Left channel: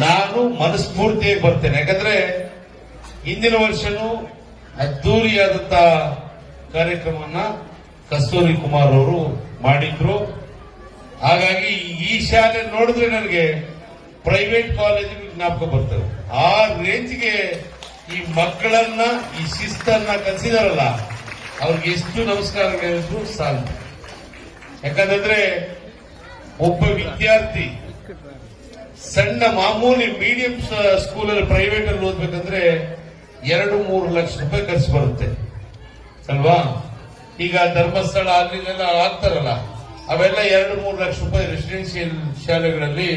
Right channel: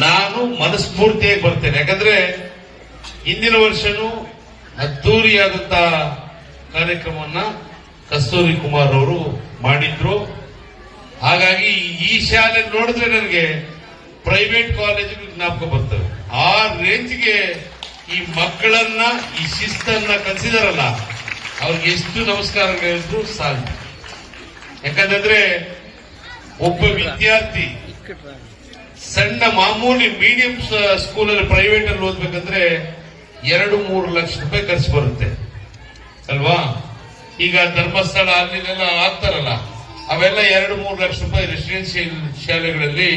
ನಾನು ಮನಸ್ಫೂರ್ತಿಯಾಗಿ ಬರ್ತೇನೆ. ಯಾಕಂದ್ರೆ ಹಿಂದಿನ ವರ್ಷನೂ ಅದ್ದೂರಿಯಾದಂತ ಕಾರ್ಯಕ್ರಮವನ್ನ ಕಸ್ತೂರಿ ಕುಮಾರ್ ಅವರು ಮಾಡಿದ್ರು. ಹಾಗಾಗಿ ಈ ಶಾಲೆ ನೋಡಿದ್ರೆ ನನಗೆ ಪ್ರೈವೇಟ್ ಕಾಲೇಜು ಜ್ಞಾಪಕ ಬರ್ತವೆ. ಆ ರೇಂಜ್ಗೆ ಈ ಮಕ್ಕಳನ್ನ ಈ ಶಿಸ್ತನ್ನ ಕಲಿಸಿದಾರಲ್ಲ, ಅವ್ರಿಗೆ ಎಷ್ಟು ನಮಸ್ಕಾರಗಳಿದ್ರು ಸಾಧ್ಯ. ಯಾಕಂದ್ರೆ ಒಬ್ಬ ವಿದ್ಯಾರ್ಥಿ ಸಣ್ಣ ಮಾಮೂಲಿ ಮೀಡಿಯಂ ಸ್ಕೂಲಲ್ಲಿ ಪ್ರೈವೇಟ್ ಅಲ್ಲಿ ಓದ್ಬೇಕಂದ್ರೆ 2-3 ಲಕ್ಷ ರೂಪಾಯಿ ಖರ್ಚು ಬರುತ್ತೆ ಅಲ್ವಾ. ಈಗ ಧರ್ಮಸ್ಥಳ ಅಲ್ಲಿನೆಲ್ಲ ಆಗ್ತಾರಲ್ಲ, ಅವೆಲ್ಲ 2-3 ಲಕ್ಷ ರೂಪಾಯಿ ರೆಸಿಡೆನ್ಷಿಯಲ್ ಶಾಲೆಗಳಲ್ಲಿ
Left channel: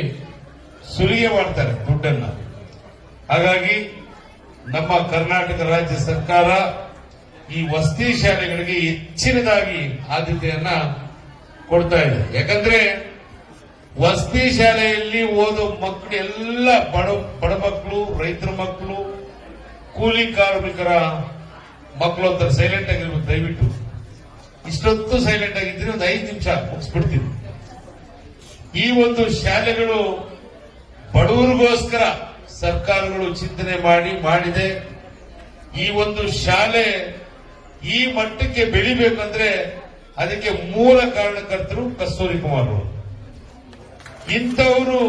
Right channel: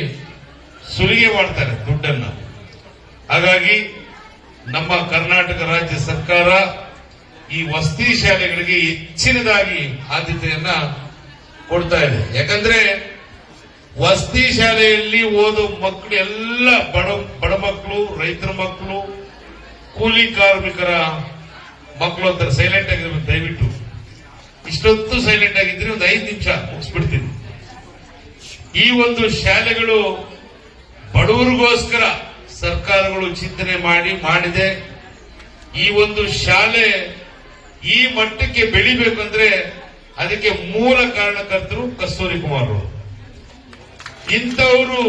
ಸುಲಿಗೆ ಮಾಡ್ತಾರೆ ದುಡ್ಡನ್ನು. ಹಾಗಾಗಿ ನಮ್ಮ ಕರ್ನಾಟಕ ರಾಜ್ಯ ಸರ್ಕಾರ ಈ ವಸತಿ ಶಾಲೆಗಳಿಗೆ ಹೆಚ್ಚಿನದಾಗಿ ಆದ್ಯತೆಯನ್ನ ಕೊಡ್ತಾ ಇದೆ. ಯಾಕಂದ್ರೆ ವಸತಿ ಶಾಲೆಯಲ್ಲಿ ಓದೋ ಮಕ್ಕಳು ಎಲ್ಲ ಬಡ ಮಕ್ಕಳು, ರೈತರ ಮಕ್ಕಳು, ಕೂಲಿ ಕಾರ್ಮಿಕರ ಮಕ್ಕಳು ಅಂತ ಸೈಲೆಂಟ್ ಆಗಿರ್ಬೇಕು. ದಯವಿಟ್ಟು ಇಷ್ಟೊತ್ತು ಸೈಲೆಂಟ್ ಆಗಿದ್ರೆ ಒಂದು 5 ನಿಮಿಷ ಮುಗಿಸ್ಬಿಡ್ತೀನಿ. ಈ ಒಂದು ಶಾಲೆಗಳು ಬಡವರಿಗೋಸ್ಕರ ಸರ್ಕಾರಗಳು ಚಿಂತನೆ ಮಾಡಿದೆ. ಈ ಒಂದು ಶಾಲೆ ಈ ಮಟ್ಟಕ್ಕೆ ಬೆಳಿಬೇಕಂದ್ರೆ ಅದಕ್ಕೆ ಮೂಲ ಕಾರಣಕರ್ತರು ಕಸ್ತೂರಿ ಕುಮಾರ್ ಅವರು. ಇಂಥವರು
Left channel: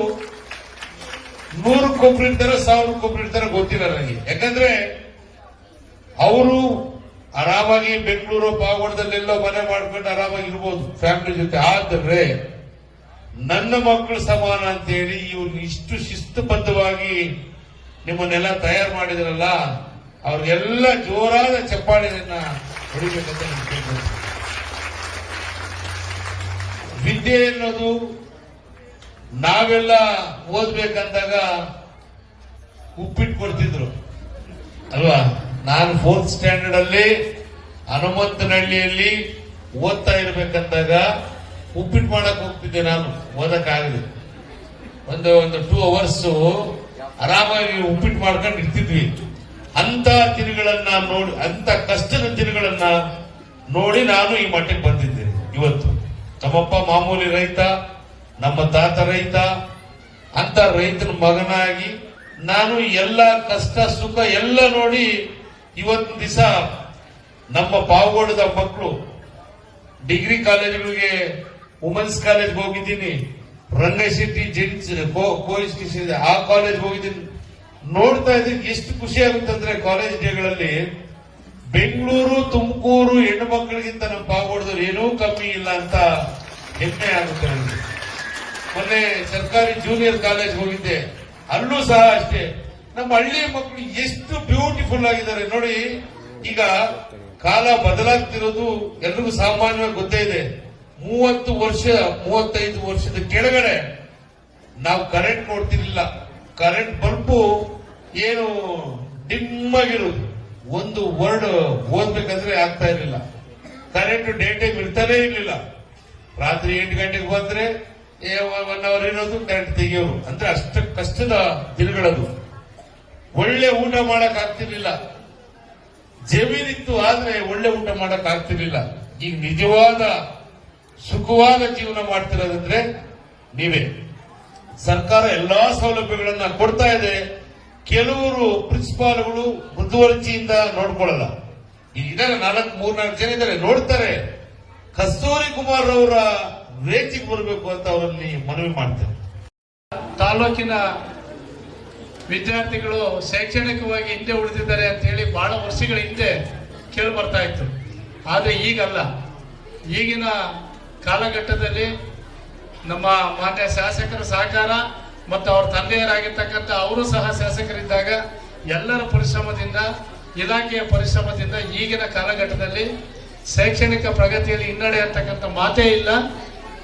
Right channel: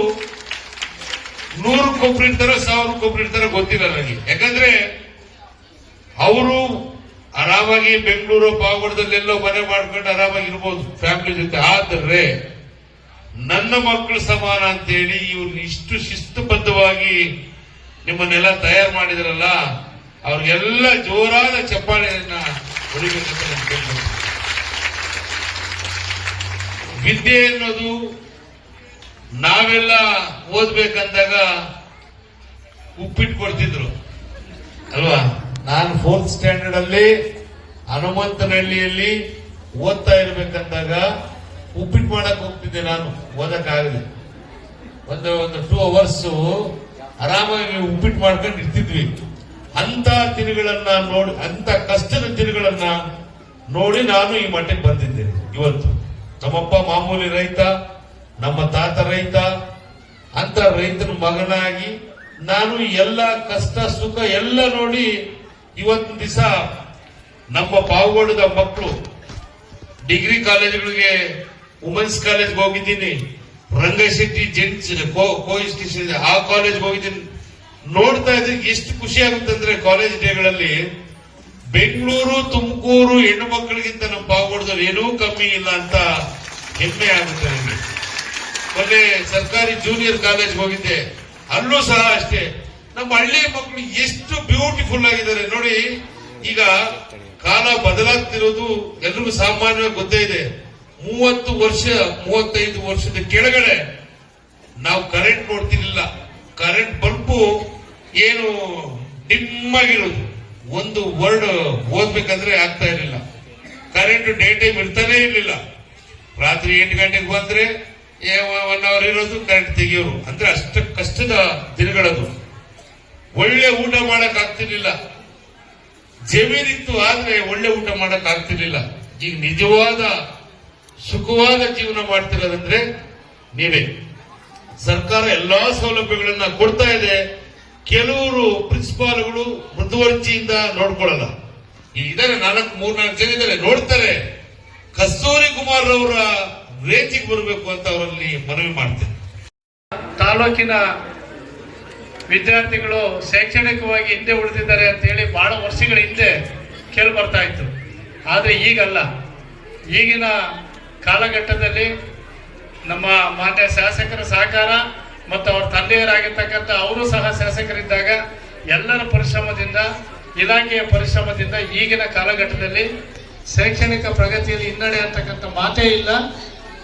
100 ಇರ್ತಾರೆ, 1000 ಇರ್ತಾರೆ, ಗೊತ್ತಿಲ್ಲ ನನಗೆ. ಯಾಕಂದ್ರೆ ಅವರು ಆರಾಮಾಗಿ ಬೆಂಗಳೂರು ಪಾವಗಡದಲ್ಲೆಲ್ಲೋ ಮನೆ ಮಾಡ್ಕೊಂಡು ಆರಾಮಾಗಿ ಇರ್ಬೋದು ಫ್ಯಾಮಿಲಿ ಜೊತೆ. ಆದರೆ ನನ್ನ ಮಕ್ಕಳು ಸಮಾನ ಅಂತೇಳಿ ಇವ್ರು ಇಷ್ಟು ಶಿಸ್ತುಬದ್ಧವಾಗಿ ನಿಮ್ಮನ್ನೆಲ್ಲ ತಯಾರು ಮಾಡಿದ್ರಲ್ಲ, ಅವ್ರಿಗೆಲ್ಲ ಜೋರಾದ ಚಪ್ಪಾಳೆಯನ್ನ ಹೊಡಿಬೇಕಂತ ನಾನು ಕೇಳ್ಬೋದು. ವಿದ್ಯೆ ಅನ್ನೋದು ನಾವೆಲ್ಲ ಓದ್ಬೇಕಂದಾಗ ಉಪ್ಪಿಟ್ಟು ಕೊಡ್ತಿದ್ರು ಅಲ್ವಾ. ನಾನು 4th ಸ್ಟ್ಯಾಂಡರ್ಡ್ ಅಲ್ಲಿ ಹನುಮಂತನಹಳ್ಳಿಯಲ್ಲಿ ಓದ್ತಾ ಇರ್ಬೇಕಂದಾಗ ಉಪ್ಪಿಟ್ಟು ಮಾಡಕ್ ಹೋಗ್ತಿದ್ದೆ. ನಾನು ಓದಕ್ಕಾಗದೆ ಒಂದು 2 ಅವರ್ಸ್ ಆರಾಮಾಗಿ ಉಪ್ಪಿಟ್ಟು ಮಾಡ್ಕೊಂಡು ಇರ್ತಿದ್ವಿ. ಅಂತ ದಿನಗಳನ್ನ ನೋಡಿ, ಅಂತ ಕಷ್ಟದ ದಿನಗಳನ್ನ ನೋಡಿ ನಾನು ಈ ಮಟ್ಟಕ್ಕೆ ಬಂದಿದ್ದೇನೆ. ಇವತ್ತು ನಮ್ಮಪ್ಪ ಮಾಮೂಲಿ ರೈತ, ನಮ್ಮ ತಾತ ರೈತ. ಅಂತ ರೈತನ ಮಗನಾಗಿ ನಾನು ಎಲ್ಲ ಕಷ್ಟ ಸುಖ ಎಲ್ಲ ನೋಡಿ ಇವತ್ತಿನ ದಿವಸ ನಮ್ಮ ಪಾವಗಡದ ಮಕ್ಕಳು ಡಿಗ್ರಿ ಕಾಲೇಜುಗಳಿಗೆ, ವುಮೆನ್ಸ್ ಕಾಲೇಜ್ಗೆ ಹೋಗಿದ್ದೀನಿ, ರಂಗಶೆಟ್ಟಿ ಜೆಂಟ್ಸ್ ಕೋಇನ್ಸ್ಟಿಟ್ಯೂಷನ್ ಆ ಕಾಲೇಜ್ಗೆ ಹೋಗಿದ್ದೀನಿ. ನೋಡ್ತಾ ಇದ್ರೆ ಎಷ್ಟು ಖುಷಿ ಆಗುತ್ತಂದ್ರೆ ಕಾಲೇಜ್ ಡೇಗಳಲ್ಲಿ ಬೆಂಗಳೂರು, ತುಮಕೂರು ಹೆಣ್ಣು ಮಕ್ಕಳಿಗಿಂತ ನಮ್ಮ ಪಾವಗಡದಲ್ಲಿ ಏನೂ ಕಮ್ಮಿ ಇಲ್ಲ ಅಂತ ಹೆಮ್ಮೆ ಆಗುತ್ತೆ ನನಗೆ. ಮೊನ್ನೆ ಸರ್ಕಾರಿ ಜೂನಿಯರ್ ಕಾಲೇಜ್ ಹೋಗಿದ್ದೆ, ಅಲ್ಲೂ ಸಹ ಅಷ್ಟೇ ನಮ್ಮ ಹಳ್ಳಿ ಮಕ್ಕಳು ಎಷ್ಟು ಬ್ಯೂಟಿಫುಲ್ ಆಗಿದ್ದಾರೆ ನೋಡಿ. ಈಗ ಕಾಲ ಬದಲಾಗ್ತಿರೋದು ಎಲ್ರಿಗೂ ಸಾಮಾನ್ಯವಾಗಿ ಗೊತ್ತೇ ಇದೆ. 30 ವರ್ಷ 35 ವರ್ಷದ ಕೆಳಗಡೆ ನಾವು ಕರೆಂಟ್ ನೋಡ್ತಿರ್ಲಿಲ್ಲ. ಕರೆಂಟ್ ಬಲ್ಬು ಏನು ನಿಮ್ಮಾಗಿರೋದು, ಒಂದು ವರ್ಡ್ ಓದ್ಬೇಕಂದ್ರೆ ಆಗ್ತಾ ಇರಲಿಲ್ಲ. ಕರೆಂಟ್ ಡೇ ಟೈಮ್ ಇರ್ತಾನೆ ಇರಲಿಲ್ಲ. ರಾತ್ರಿ 8 ಗಂಟೆಗೆ ಬಂದ್ರೆ 1 ಅವರ್ ಇರೋದು, ಕರೆಂಟ್ ತೆಗಿಯೋರು. ಅಂದ್ರೆ ಅಷ್ಟು ಕಷ್ಟದ ದಿನಗಳದು. ಒಳ್ಳೆ ಊಟ ಮಾಡಕ್ ಆಗ್ತಿರ್ಲಿಲ್ಲ. ಜಮೀನಿತ್ತು ಆದ್ರೆ ಒಳ್ಳೆ ಊಟ ಮಾಡಕ್ ಆಗ್ತಿರ್ಲಿಲ್ಲ. ಈಗ ನಿಜವಾದ ಸುಖವಾದ ಜೀವನ ಮಾಡ್ತಿರೋದಂದ್ರೆ ನೀವೇ. ಸರ್ಕಾರ ಎಲ್ಲಾ ಸೌಲಭ್ಯಗಳನ್ನ ಕೊಡ್ತಾ ಇದೆ. ಕೆಲವರು ಪ್ರಿನ್ಸಿಪಾಲ್ಗಳು ಮೃದುವರ್ಜಿಯಿಂದ ನೋಡ್ಕೊಳ್ಳಲ್ಲ. ಇದಾರೆ 3-4 ಜನ ಇದ್ದಾರೆ, ನೋಡ್ತಾರೆ. ಕಸ್ತೂರಿ ಕುಮಾರ್ ಅವರ ರೇಂಜಿಗೆ ಬರಬೇಕು ಅಂತ ಅವರಲ್ಲಿ ಮನವಿ ಮಾಡ್ತೇನೆ. ತಾಲೂಕಿನ ವಿದ್ಯಾರ್ಥಿಗಳು ಶೈಕ್ಷಣಿಕವಾಗಿ ಹಿಂದೆ ಉಳಿದಿದ್ದಾರೆ ಅಂತ ಹೇಳಿ ಬಹಳ ವರ್ಷಗಳ ಹಿಂದೆ ಕೇಳಿ ಬರ್ತಾ ಇತ್ತು. ಆದರೆ ಈಗಲ್ಲ. ಈಗಿನ ಕಾಲಘಟ್ಟದಲ್ಲಿ ನಮ್ಮ ಮಾನ್ಯ ಶಾಸಕರ ಸಹಕಾರ ಮತ್ತು ಅವರ ತಂದೆಯರಾಗಿರ್ತಕ್ಕಂಥ ಅವರು ಸಹ ಶಾಸಕರಿದ್ದಾಗ ಎಲ್ಲರ ಪರಿಶ್ರಮದಿಂದ, ಇಲಾಖೆಯ ಪರಿಶ್ರಮದಿಂದ ಈಗಿನ ಕಾಲಘಟ್ಟದಲ್ಲಿ ಶೈಕ್ಷಣಿಕ ಪ್ರಗತಿಯಲ್ಲಿ ಹಿನ್ನಡೆ ಅಂತಕ್ಕಂಥ ಮಾತೇ ಇಲ್ಲ.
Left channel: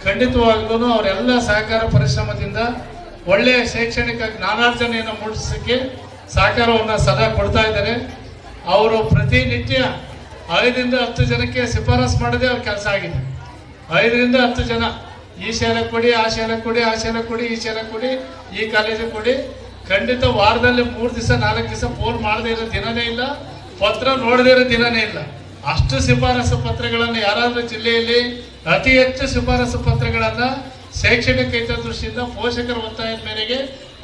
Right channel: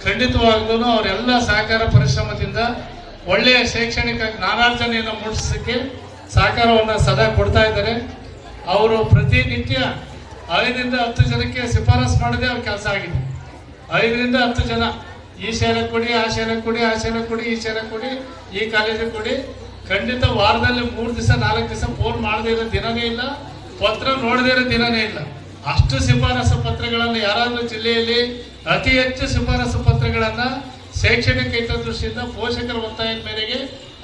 ಖಂಡಿತವಾಗ್ಲೂ ಅವರೆಲ್ಲ ಸಹಕಾರ ಪರಿಶ್ರಮದಿಂದ ಒಳ್ಳೆಯ ಶೈಕ್ಷಣಿಕ ಜ್ಞಾನಾರ್ಜನೆಯನ್ನು ಮೂಡಿಸಲಿಕ್ಕೆ ಸಹಕಾರವನ್ನು ಸದಾ ಕೊಡ್ತಾ ಇದ್ದಾರೆ. ಅವರು ಪ್ರತಿನಿತ್ಯ 5ರಿಂದ 10 ಜನಕ್ಕೆ ಶಿಫಾರಸು ಮಾಡದೆ ಅವ್ರ ಕೆಲಸ ಆಗಿದೆ. 5ರಿಂದ 10 ಜನ ಈ ಶಾಲೆ ಕೊಡಿ, ಆ ಶಾಲೆ ಕೊಡಿ, ಆ ಶಾಲೆ ಕೊಡಿ, ಈ ಶಾಲೆ ಕೊಡಿ, ಈ ಕಾಲೇಜಿಗೆ ಕೊಡಿ. ಖಂಡಿತ ವಾರದಲ್ಲಿ 3 ದಿವಸ 4 ದಿವಸ ಫೋನ್ ಮಾಡದೇ ಇರೋ ದಿನನೇ ಇಲ್ಲ, ಪತ್ರ ನೋಡದೇ ಇರೋ ದಿನನೇ ಇಲ್ಲ. ಅಷ್ಟು ಶಿಫಾರಸು ಪತ್ರಗಳನ್ನು ಯಾರಾದ್ರೂ ಜಿಲ್ಲೆಯಲ್ಲಿ ಅತಿ ಹೆಚ್ಚು ಶಿಫಾರಸು ಪತ್ರಗಳನ್ನ ಶೈಕ್ಷಣಿಕ ಹಿತದೃಷ್ಟಿಯಿಂದ ಪೋಷಕರ ಒತ್ತಾಯದ ಮೇರೆಗೆ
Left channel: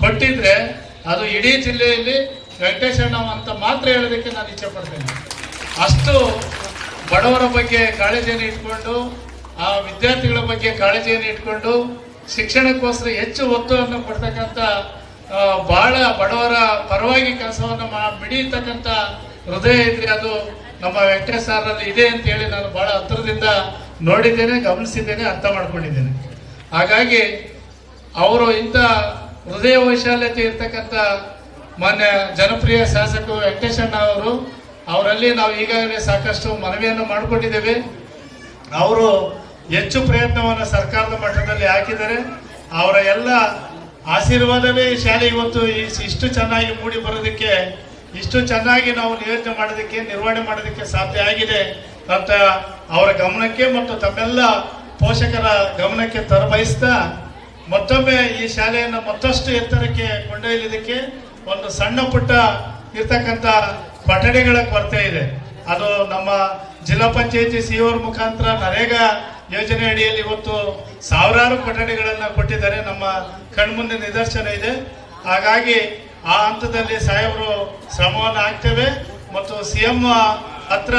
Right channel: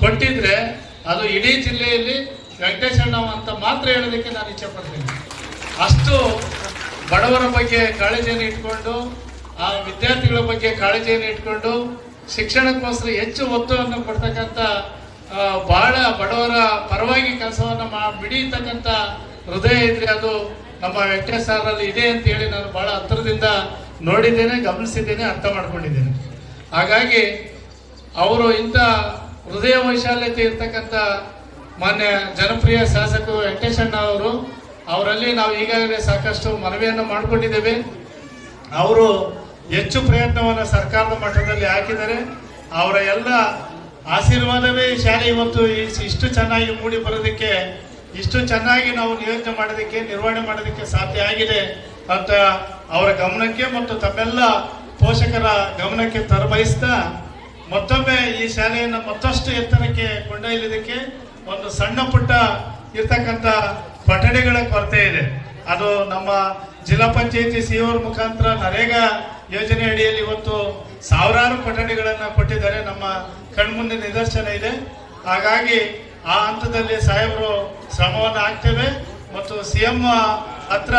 ಕೊಟ್ಟಿದ್ರೆ ಅದು ಇಡೀ ಜಿಲ್ಲೆಯಲ್ಲಿ ವೆಂಕಟೇಶಣ್ಣ ಅಂತ ಮಾತ್ರ ಹೇಳೋದಕ್ಕೆ ನಾನು ಇಚ್ಛೆ ಪಡ್ತೇನೆ. ಅಷ್ಟು ಬಡವರ ಬಗ್ಗೆ ಕಾಳಜಿಯನ್ನು ಇಟ್ಕೊಂಡು, ಆ ವಿದ್ಯಾರ್ಥಿಗಳ ಬಗ್ಗೆ ಕಾಳಜಿಯನ್ನು ಇಟ್ಕೊಂಡು ಶಿಕ್ಷಣಕ್ಕೋಸ್ಕರ ಹೆಚ್ಚು ಒತ್ತನ್ನು ಕೊಡ್ತಕ್ಕಂಥ ಬಹಳ ಬಡವರ ಪರವಾಗಿ ಕೆಲಸವನ್ನು ಮಿಡಿಯತಕ್ಕಂಥ ಹೃದಯ ಇದ್ರೆ ಅದು ನಮ್ಮ ವೆಂಕಟೇಶ್ ಸಾರಲ್ಲಿ ಇದೆ ಅಂತ ಹೇಳಿ ನಾನು ಬಹಳ ಹತ್ತಿರದಿಂದ ನೋಡಿದ್ದೇನೆ, ಗಮನಿಸಿದ್ದೇನೆ, ಅರ್ಥ ಮಾಡ್ಕೊಂಡಿದ್ದೇನೆ. ಹಾಗಾಗಿ ಅವರು ಇಂಥ ಹೃದಯ ವೈಶಾಲ್ಯತೆ ಇರ್ತಕ್ಕಂಥ ಮಾನ್ಯ ಜನಪ್ರಿಯ ಶಾಸಕರು ವೆಂಕಟೇಶಣ್ಣ ಅವರು, ಅವರಲ್ಲಿ ನಾವು ಈಗಾಗಲೇ ಸಾಕಷ್ಟು ಮನವಿಯನ್ನು ಮಾಡಿಕೊಂಡಿದ್ದೇವೆ. ಅವರು ಹೆಚ್ಚು ಪ್ರಯತ್ನವನ್ನು ಸರ್ಕಾರದ ಮಟ್ಟದಲ್ಲಿ ಹಾಕಿದ್ದಾರೆ. ಅವರ ಎಲ್ಲ ಆಶೀರ್ವಾದವೇ ಈ ಶಾಲೆ ಇವತ್ತು ಇಷ್ಟು ಚೆನ್ನಾಗಿ ಮೂಡಿ ಬರೋದಕ್ಕೆ, ಇಷ್ಟು ಚೆನ್ನಾಗಿ ನಾವು ನಿಯೋಜನೆ ಮಾಡೋದಕ್ಕೆ, ನಿರ್ವಹಣೆ ಮಾಡೋದಕ್ಕೆ ಸಾಧ್ಯ ಆಗಿದೆ ಅಂತ ಅವರ ಗಮನಕ್ಕೆ ಮತ್ತು ತಮ್ಮೆಲ್ಲ ಪೋಷಕರ ಗಮನಕ್ಕೆ ತರಬಯಸ್ತಾ, ಮತ್ತೊಮ್ಮೆ ಈ ಶಾಲೆಯನ್ನು ಮತ್ತಷ್ಟು ಎತ್ತರಕ್ಕೆ ಕೊಂಡೊಯ್ಯಲಿದ್ದಕ್ಕೆ ಒಂದು ಸಣ್ಣ ಪುಟ್ಟ ಇರ್ತಕ್ಕಂಥ ಕೊಠಡಿಗಳ ಕೊರತೆ ಇದೆ. ಅದು ನಮ್ಮ ಜಿಲ್ಲಾ ಪಂಚಾಯತಿ ಸಿಒ ಮುಖಾಂತರ ನರೇಗಾ ಯೋಜನೆ ಅಡಿಯಲ್ಲಿ ಇವತ್ತು ಸಾವಿರಾರು ಕೊಠಡಿಗಳನ್ನು ಕೊಟ್ಟಿದ್ದಾರೆ, ನಮ್ಮ ಕಣ್ಮುಂದೆ ನಿದರ್ಶನ ಇದೆ. ಹಾಗಾಗಿ ಆ ಹಂತದಲ್ಲಿ ಸಾಹೇಬರು ಶ್ರಮವನ್ನು ಹಾಕ್ತೇವೆ ಮತ್ತು ಸಿಎಂ ಹತ್ರ